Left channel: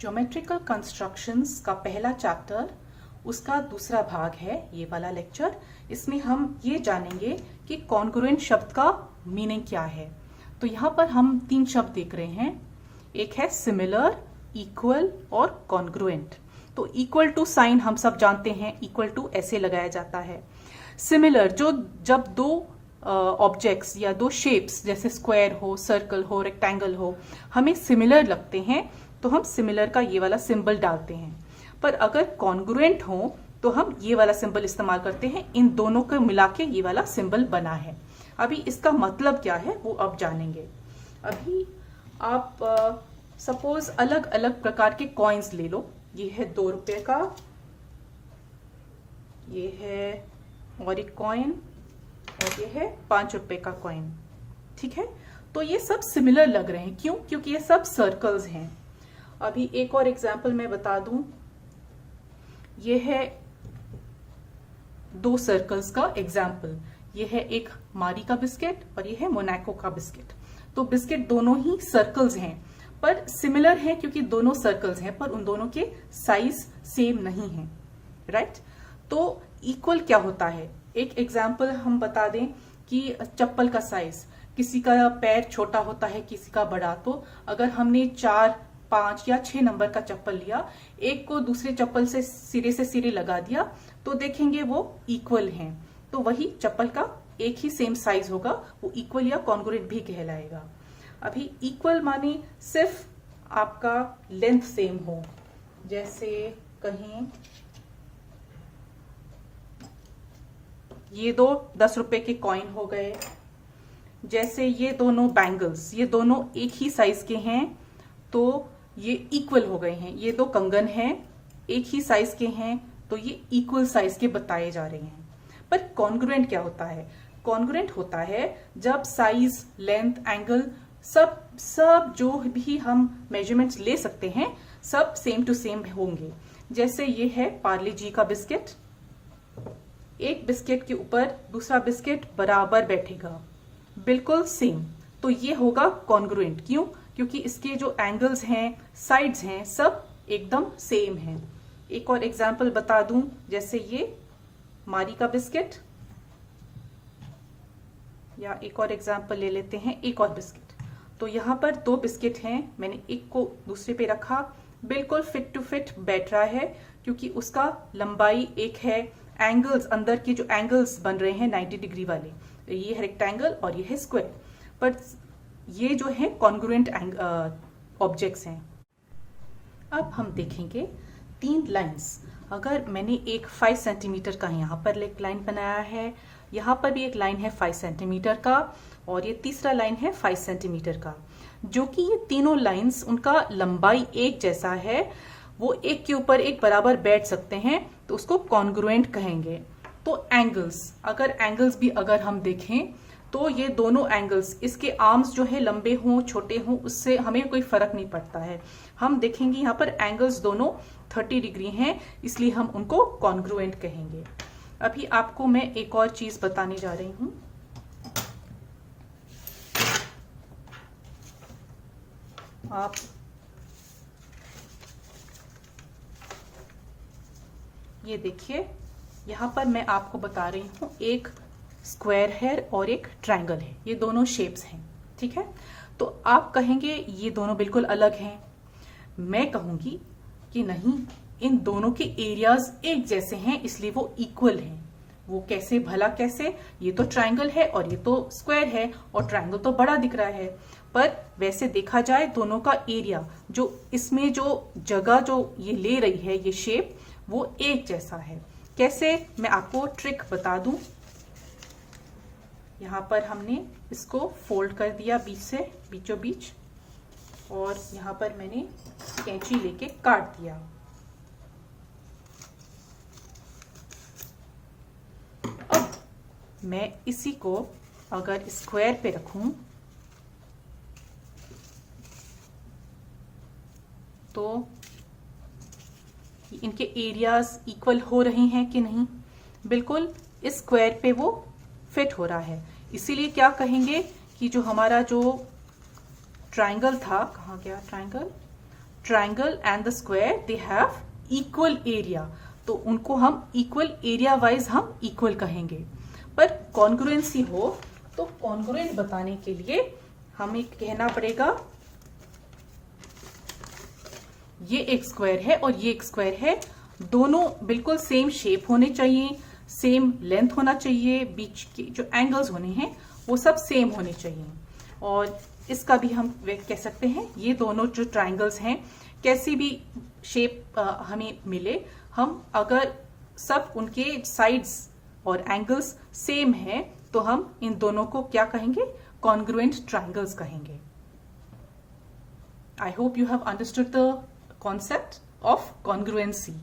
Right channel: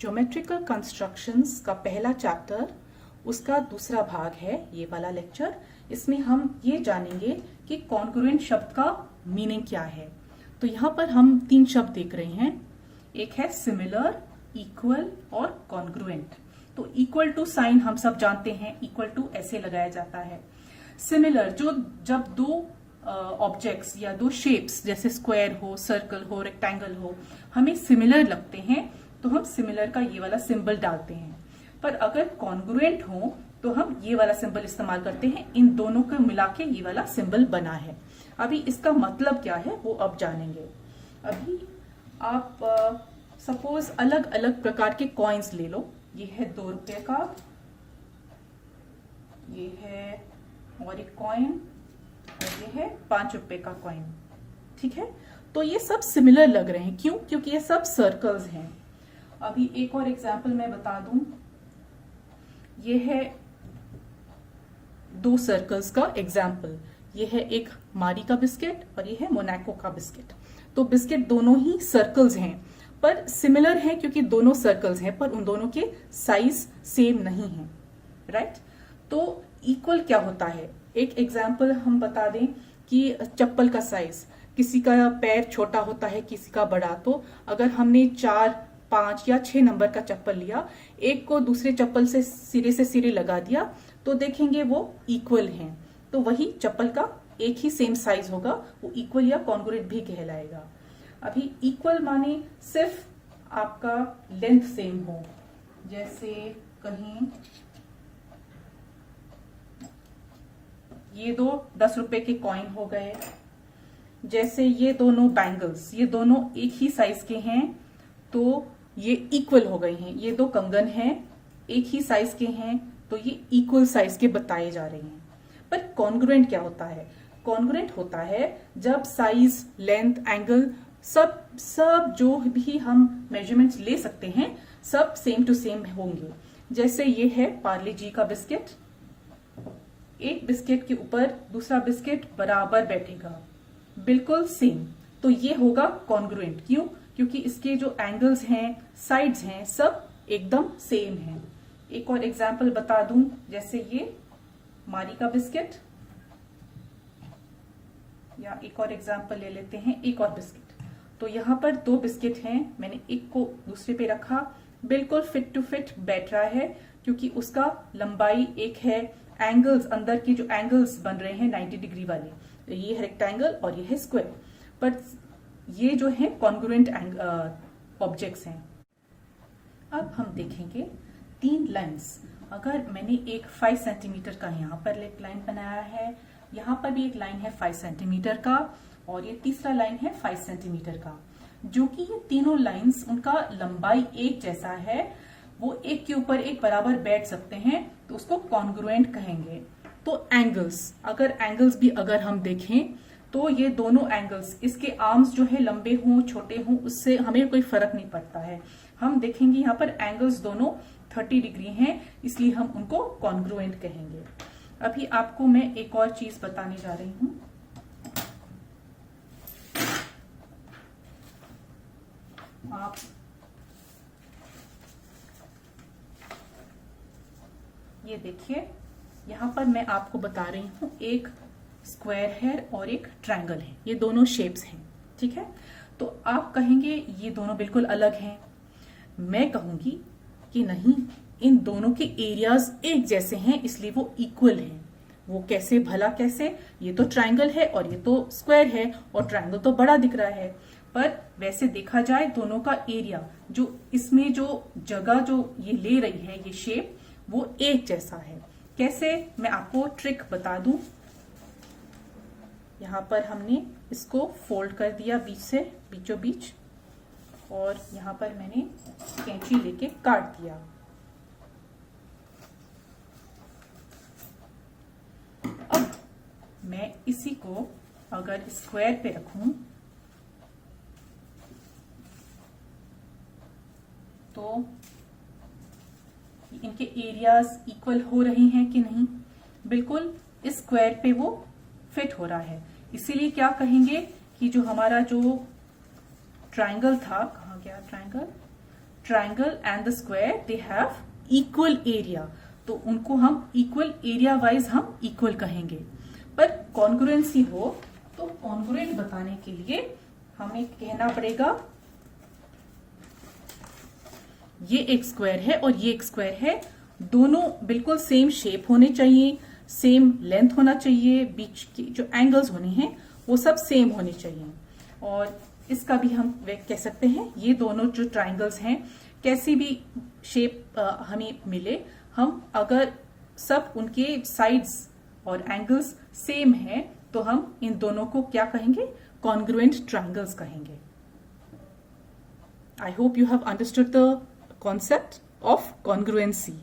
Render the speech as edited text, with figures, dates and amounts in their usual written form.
Geometrical constructions का पहला chapter, उसका दूसरा भाग है ये वाला लेक्चर। इसमें हम ये जानेंगे कि कॉन्ग्रुएंट शब्द का मीनिंग क्या है। तो यहाँ पर हम तीन शब्द देख रहे हैं, एक है सिमिलर, इक्वल और कॉन्ग्रुएंट। तो इक्वल टू साइन हम सब जानते हैं, इक्वल टू ऐसे लगाया जाता है। सिमिलर जब दो ऑब्जेक्ट्स या दो शेप्स जैसे स्क्वायर हो, सर्कल हो, रेक्टेंगल हो, हमें सिमिलर लगते हैं तो हम सिमिलर का ये वाला सिंबल डालते हैं। पर अगर कॉन्ग्रुएंट हो तो हम ये वाला सिंबल इस्तेमाल करते हैं। इन दोनों को मिला के ये वाला सिंबल बना है। अभी इसका मतलब क्या है वो अब जानेंगे। अभी आप सपोज अलग अलग प्रकार के कॉइन्स ले लो। ये है 2 रुपए का, ये है और एक कॉइन, और ये है 5 रुपए का कॉइन। ठीक है, तो ये सब सिमिलर लग रहे हैं। क्यों? क्योंकि ये सब सर्कल्स हैं। अभी एक और एग्जांपल मैं बता दूं, ये है 2 सर्कल्स का एग्जांपल। ये है एक मारी का बिस्किट और ये है मोनाको का बिस्किट। तो बिस्किट दोनों ही सर्कल्स हैं पर सिमिलर हैं क्योंकि दोनों सर्कल्स हैं, पर उन दोनों के साइज सेम नहीं है। राइट? तो इक्वल क्या होता है? एक एग्जाम्पल हम बता दें कि चप्पल का साइज, किसी का पैर छोटा होता है, किसी का बड़ा। तो अगर हमने 4, 5 या 6 नंबर का चप्पल लिया, एक को दूसरे चप्पल से सिरे लगा दिया, तो देखेंगे वो इक्वल हैं। तो वही चप्पल का एक ही सेम साइज होगा, वो इक्वल या कॉन्ग्रुएंट भी कहलाएगा। अभी इक्वल माने सिर्फ आपका लेंथ सेम हो। जैसे कहीं ये 2 10 रुपए के कॉइन हो गए। जैसे ये दोनों बैंगल्स, ये दोनों एक ही साइज के हैं तो ये इक्वल हो गए हैं। ये 2 कंगन हैं, एक ही साइज के हैं तो ये इक्वल साइज के बताए जा रहे हैं। पर कॉन्ग्रुएंट क्या होता है? कॉन्ग्रुएंट होता है जब साइज, लेंथ, एंगल सब जो भी हम मेजरमेंट्स ले सकते हैं सब सेम टू सेम होंगे। जैसे ये है पार्ले जी का बिस्किट, एक बिस्किट के ऊपर दूसरा बिस्किट बराबर बैठेगा, बिल्कुल सेम, तो ये होगा कॉन्ग्रुएंट। क्यों? क्योंकि इसके जो एंगल्स हैं, साइड्स हैं, सब एकदम सेम हैं। एक और एग्जांपल बता दूं, जैसे ये मारी का बिस्किट, या एक और एग्जांपल ले लेते हैं, एक और बिस्किट। तो यहाँ पर 2 बिस्किट हैं, मैंने एक को दूसरे पे रखा, बिल्कुल फिट टू फिट बैठ रहा है क्योंकि उसका लंबाई एक है। एंगल्स, अंदर के जो एंगल्स बन रहे हैं 90 डिग्री वाले, ये है रेक्टेंगल और ये है स्क्वायर, पर ये जो है कॉन्ग्रुएंट ऑब्जेक्ट्स हैं। अब हम देखेंगे 3 लाइंस। अगर मैंने एक 5 सेंटीमीटर का यहाँ पर एक लाइन बनाया है, यहाँ पर भी एक लाइन है 5 सेंटीमीटर का, और ये तीसरा लाइन है 5 सेंटीमीटर का, जो कि ये तीनों लाइंस उनका लंबाई एक जैसा है, वो एक के ऊपर एक बराबर बैठ सकते हैं, तो उसको कॉन्ग्रुएंट कहेंगे। तो एंगल्स, अगर एंगल्स भी अगर हम देखें तो ये दोनों एंगल्स, इसके आर्म्स जो है लंबे हों छोटे हों उससे हमें कोई फर्क नहीं पड़ता है। हम देखेंगे यहाँ पर एंगल्स दोनों 30 डिग्री हैं, इसलिए हम उनको कॉन्ग्रुएंट कहेंगे। अभी आपको मैं एक और चीज बताने जा रही हूं। आप ये देखिए, यहां पर मैं आपको बता रही हूं, एक स्क्वायर है और एक ट्रायंगल है, ये दोनों शेप्स हैं। ठीक है, तो आप कहेंगे ये दोनों बिल्कुल अलग हैं। मैं कहूंगी कि नहीं, इन दोनों के एरियाज एक जैसे हैं इसलिए वो इक्वल हैं। वो कैसे? भला कैसे? ये तो ट्रायंगल है और ये तो स्क्वायर है, और ट्रायंगल तो बड़ा दिख रहा है, पर वैसे देखा जाए दोनों का एरिया, जो इसमें जो जगह जो ये ले रही है ये शेप, वो एक जैसा है। कैसे? मैं आपको ट्रिक बता दूं। यहाँ पर हमने इसको फोल्ड कर दिया बीच से, बीचों बीच, और यहाँ पर मैंने कैंची लेके काट दिया। अब मैं इसी को अगर स्क्वायर पे रखूं तो इनके एरियाज इक्वल हो रहे हैं कि नहीं? बिल्कुल इस स्क्वायर पे वो फिट हो रहा है। इसीलिए क्या कहेंगे कि जो हमारा जो ट्रायंगल था, कहाँ गया triangle? Triangle and the square they have equal area, तो उनको हम इक्वल एरिया वाइज हम इक्वल कहेंगे। पर कॉन्ग्रुएंसी हो तो कॉन्ग्रुएंट बताने के लिए हमें कहना पड़ेगा ये एक स्क्वायर है और ये एक स्क्वायर है, दोनों बिल्कुल सेम शेप होने चाहिए, सेम लेंथ होना चाहिए, बीच के जो एंगल्स होने हैं वो सब सेम होने चाहिए। और इसका भी हम कह सकते हैं ये दोनों जो ट्राइंगल्स हैं कैसी भी शेप हमें मिले, हम अगर सब उनके साइड्स और एंगल्स सेम हैं तो हम इन दोनों को क्या कहेंगे, कॉन्ग्रुएंट ट्राइंगल्स कहेंगे। I hope you have understood the concept of congruency.